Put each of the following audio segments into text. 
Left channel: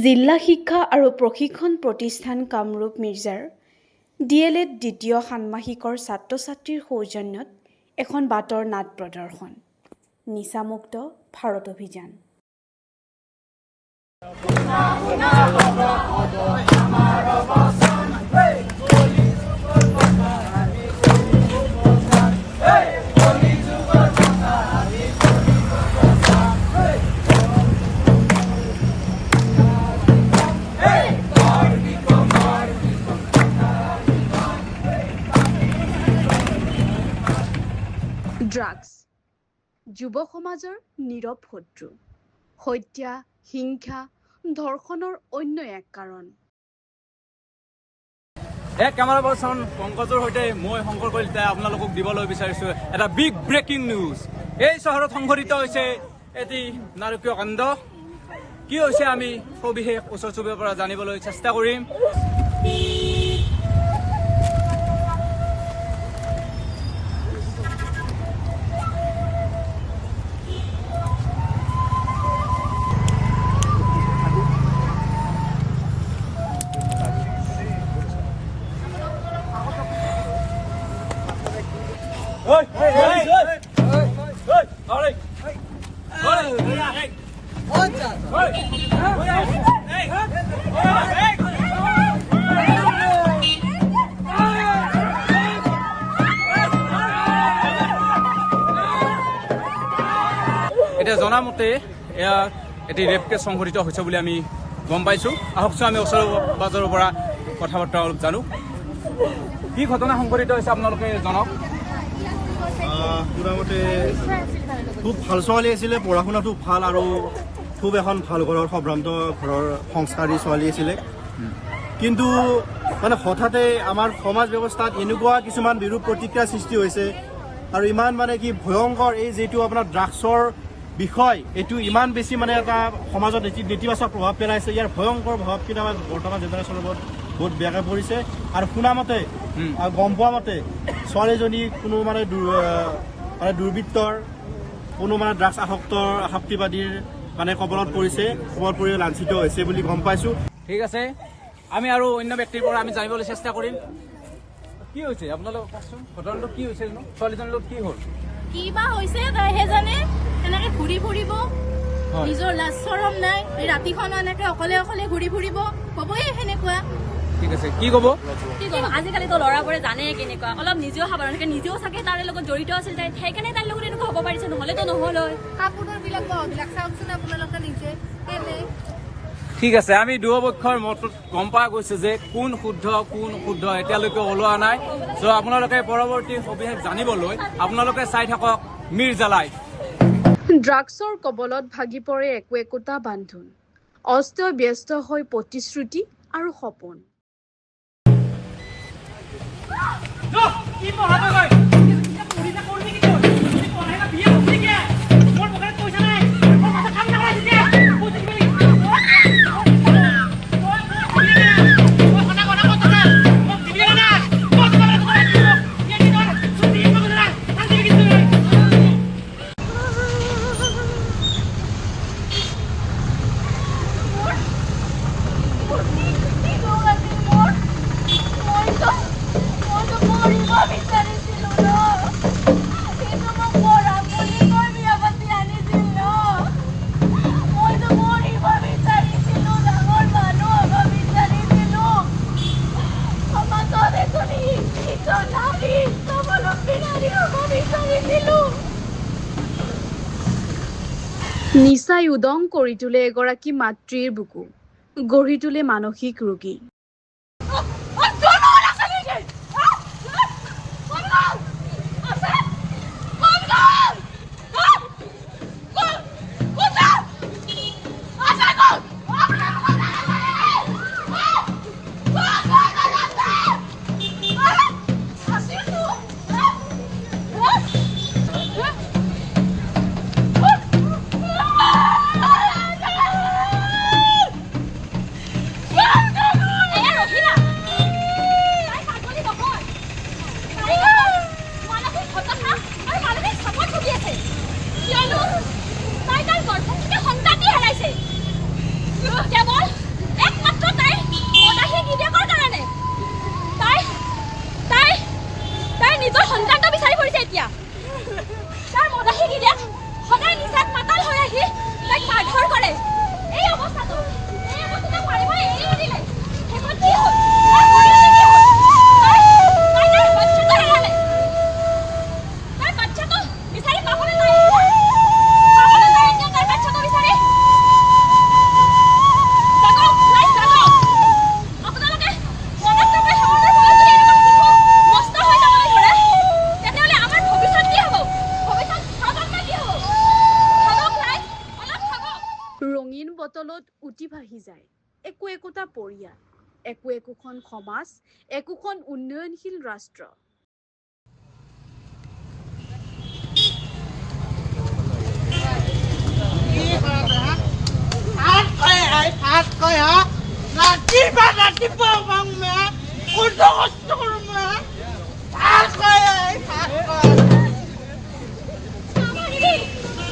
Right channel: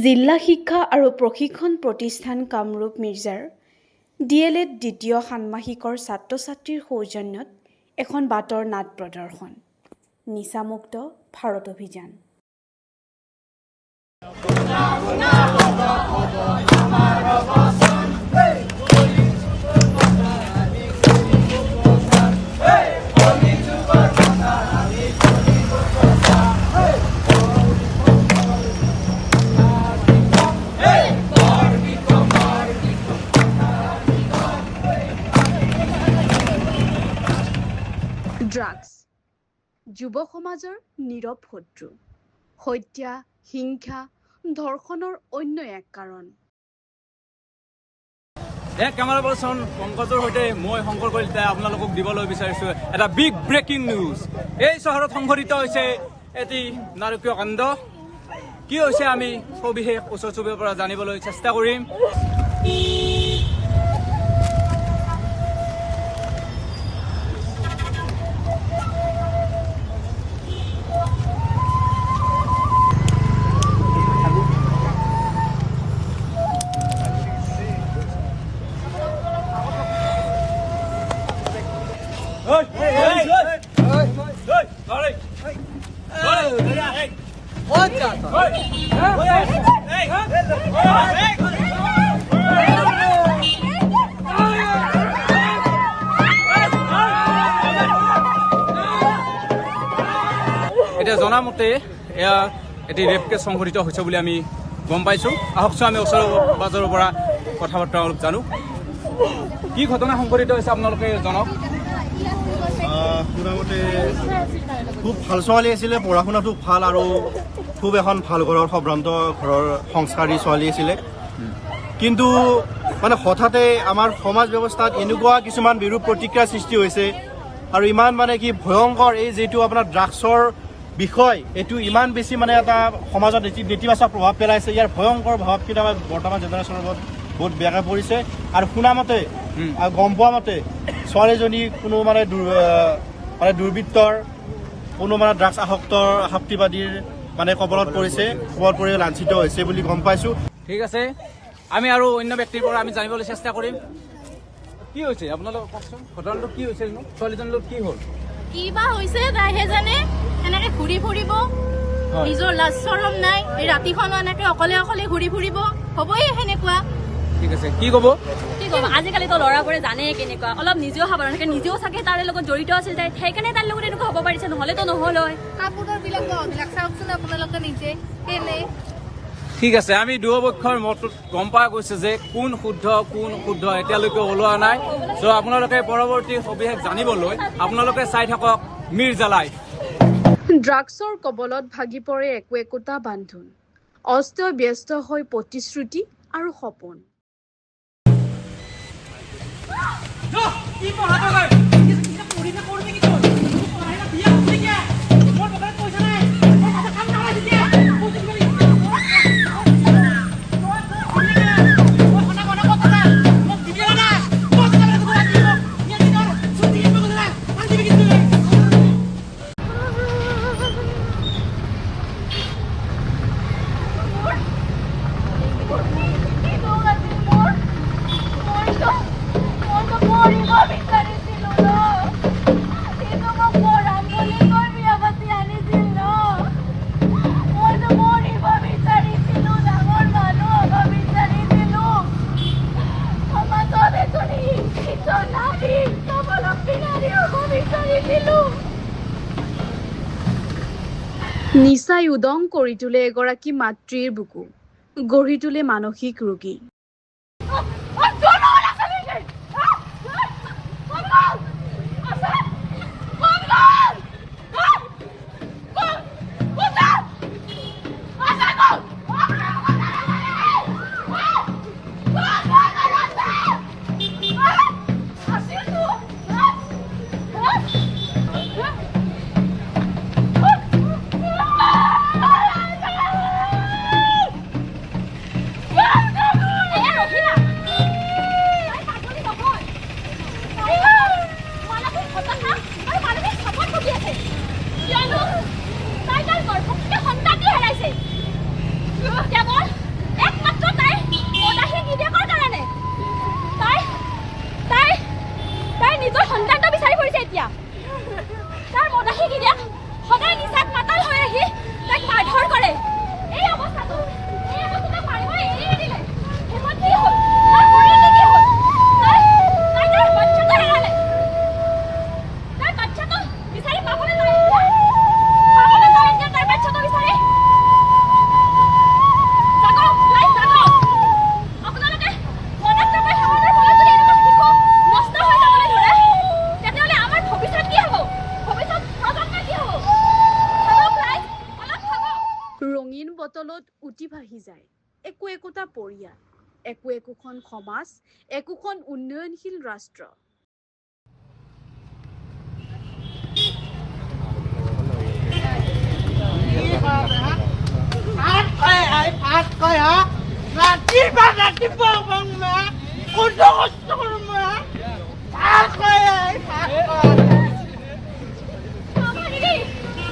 জিলা শিক্ষা আৰু প্ৰশিক্ষণ প্ৰতিষ্ঠান কামৰূপ মিৰ্জাৰ DLED দ্বিতীয় ষান্মাসিকৰ ছাত্ৰ-ছাত্ৰীৰ সৌজন্যত এখন বাটৰ নাট প্ৰদৰ্শন নিচামুক্ত ভাৰত অভিযান। ড্ৰাগছ যুৱ সমাজৰ নীৰৱ শত্ৰু, হত্যা, হিংসা, ধৰ্ষণৰ অন্য এক কাৰণ। কেমেৰা পাৰ্চন পংকজৰ সৈতে মই শংকৰ কলিতা আপোনালোকক দিবলৈ বিচাৰিছো এটা বিগ ব্ৰেকিং নিউজ। এই চহৰত সংঘটিত হৈছে এটি নাৰকীয় কাণ্ড। কি হৈছে আমি সবিশেষ ওচৰ চুবুৰীয়াৰ পৰা জানিবলৈ চেষ্টা কৰিম। এতিয়া জনামতে এয়া এটি ৰেপ কেছ সংঘটিত হৈছে বুলি আমি গম পাইছো। আহকচোন আমি ওচৰৰ পাজৰৰ পৰা কথা বতৰা অলপ জানো। কি ঘটনা সংঘটিত হৈছে আপোনালোকে জনাওক। শুনামতে খুব ভাল ছোৱালী আছিলে, পঢ়া শুনাটো ভাল আৰু খুব এখন ভাল ঘৰৰ সম্ভ্ৰান্ত ঘৰৰ সংস্কাৰী ছোৱালী আছিলে। কিন্তু মানে হঠাতে আমাৰ সমাজ ব্যৱস্থাত এনেকুৱা কিছুমান বিৰূপ প্ৰতিক্ৰিয়াৰ সৃষ্টি হৈছে আৰু ইমান মানে কি ভয়ংকৰ এই যিটো আপোনাৰ ড্ৰাগছৰ বিষয়, এইটো ইমান বেছি মানে এটা সমাজত নেতিবাচক প্ৰভাৱ পেলাইছে। ইয়াৰ ভয়ংকৰ প্ৰভাৱখিনি আমাৰ বৰ্তমান জেনেৰেশ্যনৰ ওপৰত বহুত বেয়াকৈ পৰিছে। আৰু শুনামতে গম পোৱা মতে ছোৱালীজনী কোনো মানে দুৰ্বৃত্তৰ কোনো মানে ড্ৰাগছ আসক্তিবাদীৰ মানে কবলত পৰিছে, কবলত পৰি লাঞ্ছিত হৈছে বুলি গম পাইছো। ঠিক আছে, আমি আৰু অন্য ব্যক্তিৰ পৰা আমি জানিবলৈ চেষ্টা কৰিম। কি হৈছে আপোনালোক কওকচোন, ঘটনাটো কি হৈছিল নো? ছোৱালীজনীৰ লগত কি হ'ল? কিবা হৈছে তাইহে জানে। এনেকে ঘূৰি ফুৰিব, নিজৰ লাজ চৰম নাই। এই ৰাতিখন এনেকে অকলে অকলে ঘূৰি ফুৰিব, হবয়ে সেনেকুৱা। ঠিক আছে, কি ক'ব? আজিকালিতো ল'ৰাবোৰে জানে কেনেকুৱা, অলপ নিজেও সাৱধান থাকে, নিজেও চাগে তাৰে লগত জড়িত আছিল তাই, সেইকাৰণে তাৰ লগত এনেকুৱা হ'ব পাৰিছে, নহ'লেতো নহ'ল হয়। কাপোৰৰ বিলাক চাওকচোন আপোনালোকে নিজে কেনে। ঠিক আছে, আমি দুয়োপক্ষৰ মতটোত গম পোৱা গৈছে যে কোন শুদ্ধ কোন অশুদ্ধ এতিয়ালৈকে ওলোৱা নাই। ত' আপোনালোকে পৰৱৰ্তী সবিশেষ জানিবলৈ আপোনালোকে চাই থাকক মিৰ্জা লাইভ। ড্ৰাগছৰ কবলত ভাগি পৰে একোটা বান্ধোন, অস্ত-ব্যস্ত হৈ প্ৰতিশ্ৰুতি আৰু সপোন। নিচাই উদং কৰি তোলে এগৰাকী মাতৃৰ বুকু, গঢ়ি তোলে মানসিক ৰোগী। ভাহি যায় একো একোটা পৰিয়াল, একো একোখন সমাজ, একোখন উন্নয়নশীল ৰাষ্ট্ৰ।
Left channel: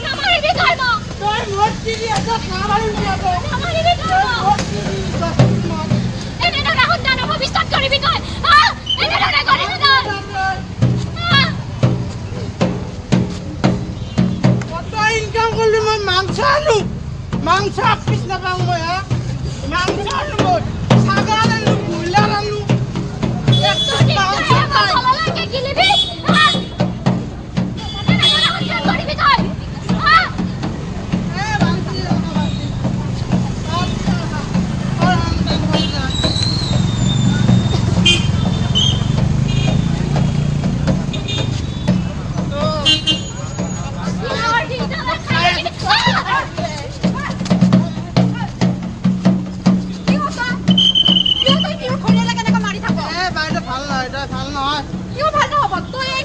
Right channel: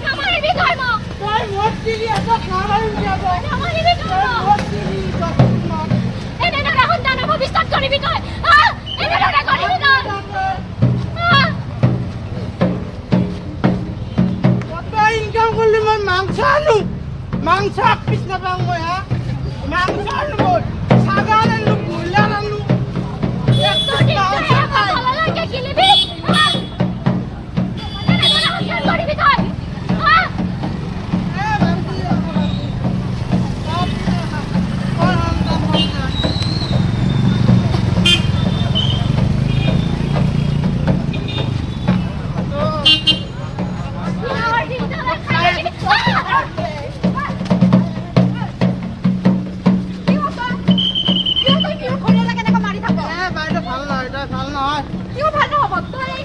নামাৰিবি তই মোক। এনেদৰে সন্তানৰ ভৱিষ্যত কৰিবি তই, এনেদৰে কৰিবি তই। ইনকাম করলে মই মাংস আনো, মাংস পিছ নাপাওঁ মই হা, মাংস আনো মই, ছাগাল আনো, ব্ৰইলাৰ আনো, মাংস নাই। তললৈকে গিলিবি, এনেদৰে সন্তান কৰিবি তই।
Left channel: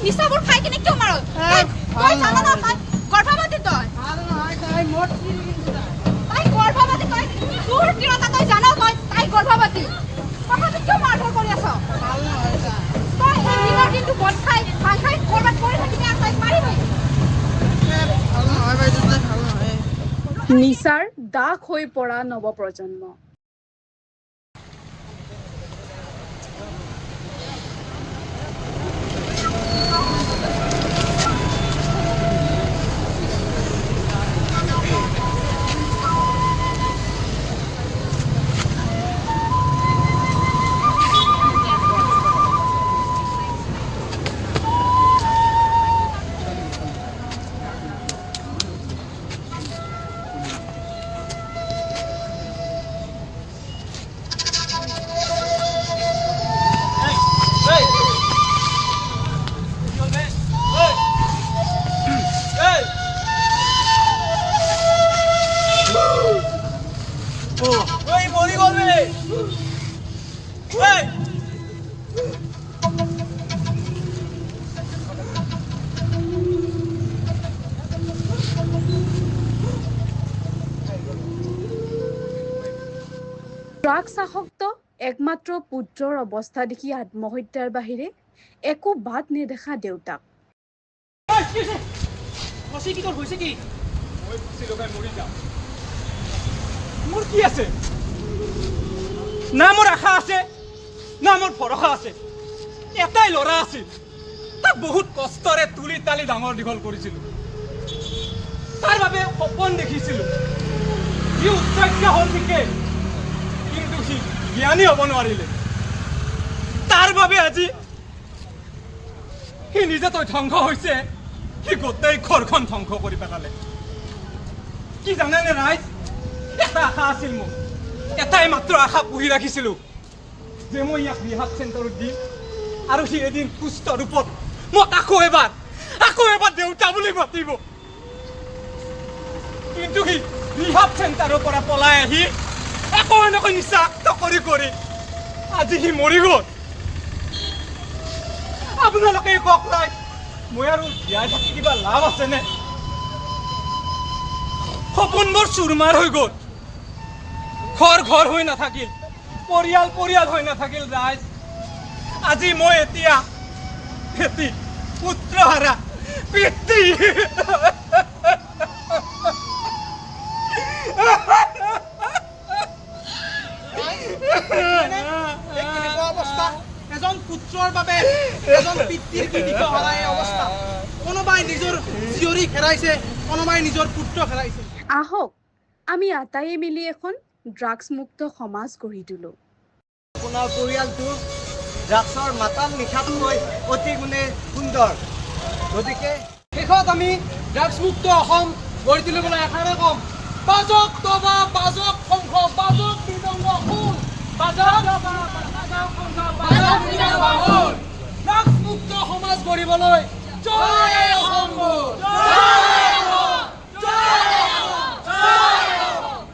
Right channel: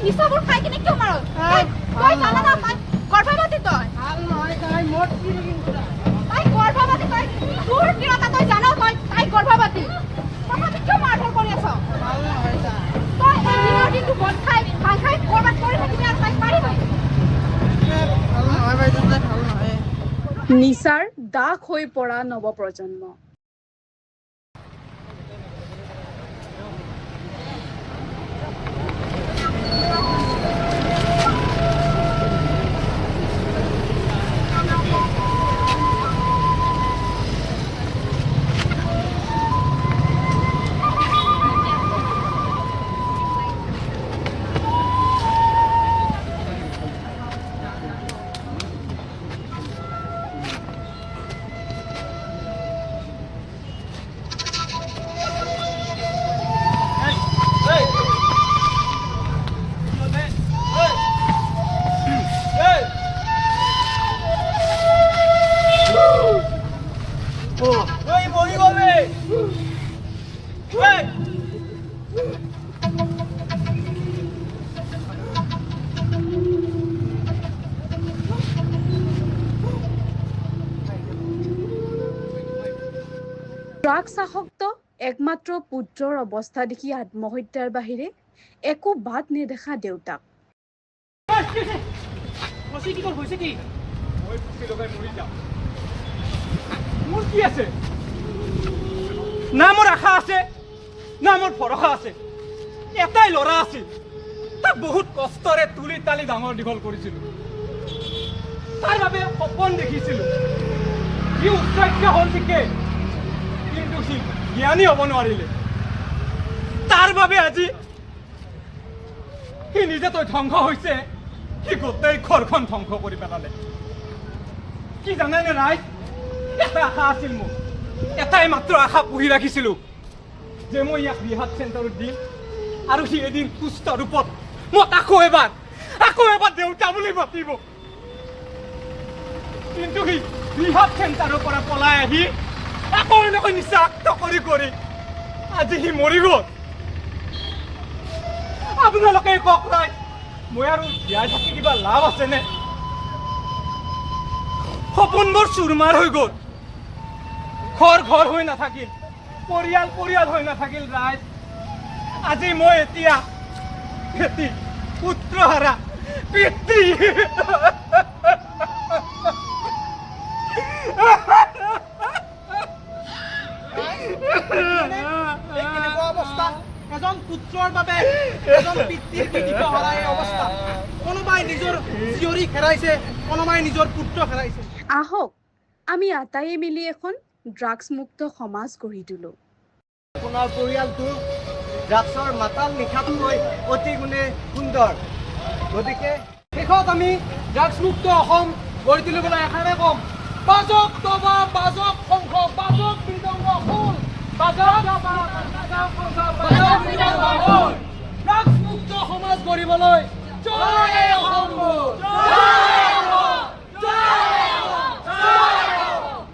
নিচাবোৰ খাই কিনে কিয় মাৰ? তই জানা না তাই গৰ্ভৱতী, তই গৰ্ভৱতী, তই তোৰ তিৰতা তই জান, তাই গৰ্ভৱতী, তথাপি কিয় মাৰধৰ কৰি আছ? তই এদিনৰ দিনটো মদ খাই ভাং খাই কৰবাত পৰি থাকিবি আৰু তাইক মাৰিবি। নিচাৰ দাস হৈ পৰা নৱপ্ৰজন্ম। ড্ৰাগছ আসক্ত একমাত্ৰ পুত্ৰৰ অৱস্থা দেখি আত্মহত্যাৰ বাহিৰে একো বাট নেদেখা দেউতাক। মোৰ কি আছে? না মোৰ আশা আছে, না মোৰ ভৰসা আছে। এটাই ল'ৰা আছিল, তাক বহুত কষ্টৰে তুলি তালি ডাঙৰ দীঘল কৰিছিলো। তাৰ বাবে সপোন দেখিছিলো। সি উচ্চাক্য হ'ল ঠিকেই, কিন্তু সি জ্ঞানী হ'ব নোৱাৰিলে। তাৰ বাবে আজি সি নিজে তই ধ্বংস হৈছে, সি গোটেই ঘৰখন ধ্বংস কৰি পেলালে। কি জানেনে ৰাইজ, এটা আশা আছিল মোৰ, এটাই মাত্ৰ আশা পুহি ৰাখিছিলো যে মই ইয়াক ৰিহাব চেণ্টাৰত দিম আৰু সি এদিন সুস্থ ৰূপত মোক আকৌ এবাৰ দেউতা বুলি মাতিব। কিন্তু সি ৰিহাব চেণ্টাৰৰ পৰা পলাই আহি আকৌ এনেকৈ নিচাক্ত কৰি কৰি আজি সি মৰি গ'ল। আপোনালোকে কওক নাই, মই আৰু জীয়াই থাকি কিবা লাভ আছেনে? সপোনবোৰ চুৰমাৰ হৈ গ'ল, ঘৰ হৈ নাথাকিল, পৰিয়াল হৈ নাথাকিল ৰাইজ। আজি মই এতিয়া পুত্ৰহাৰা পিতৃ। এজন পুত্ৰৰ বাবে এজন পিতৃৰ কি দিশহাৰা এই অৱস্থা। কোনোবাই নিজৰ জীয়ৰী হেৰাইছে, কোনোবাই নিজৰ পুত্ৰ হেৰাইছে। আহক আমি আটাইয়ে মিলি এখন ড্ৰাগছ মুক্ত সমাজ গঢ়ি তোলো। আপোনাৰ পৰিয়ালটো ড্ৰাগছৰ মাতাল নিশাতকৈ অতি গুণে সুন্দৰ, গতিকে শেষত আমি ড্ৰাগছ মুক্ত অসম গঢ়ি তুলিবলৈ এষাৰে ক'ম, বাজক তবা, বাজক শংখ, বাজক মৃদংগ খোল, বাজক ড্ৰাগছ মুক্ত সমাজ গঢ়িবলৈ জয় অসম।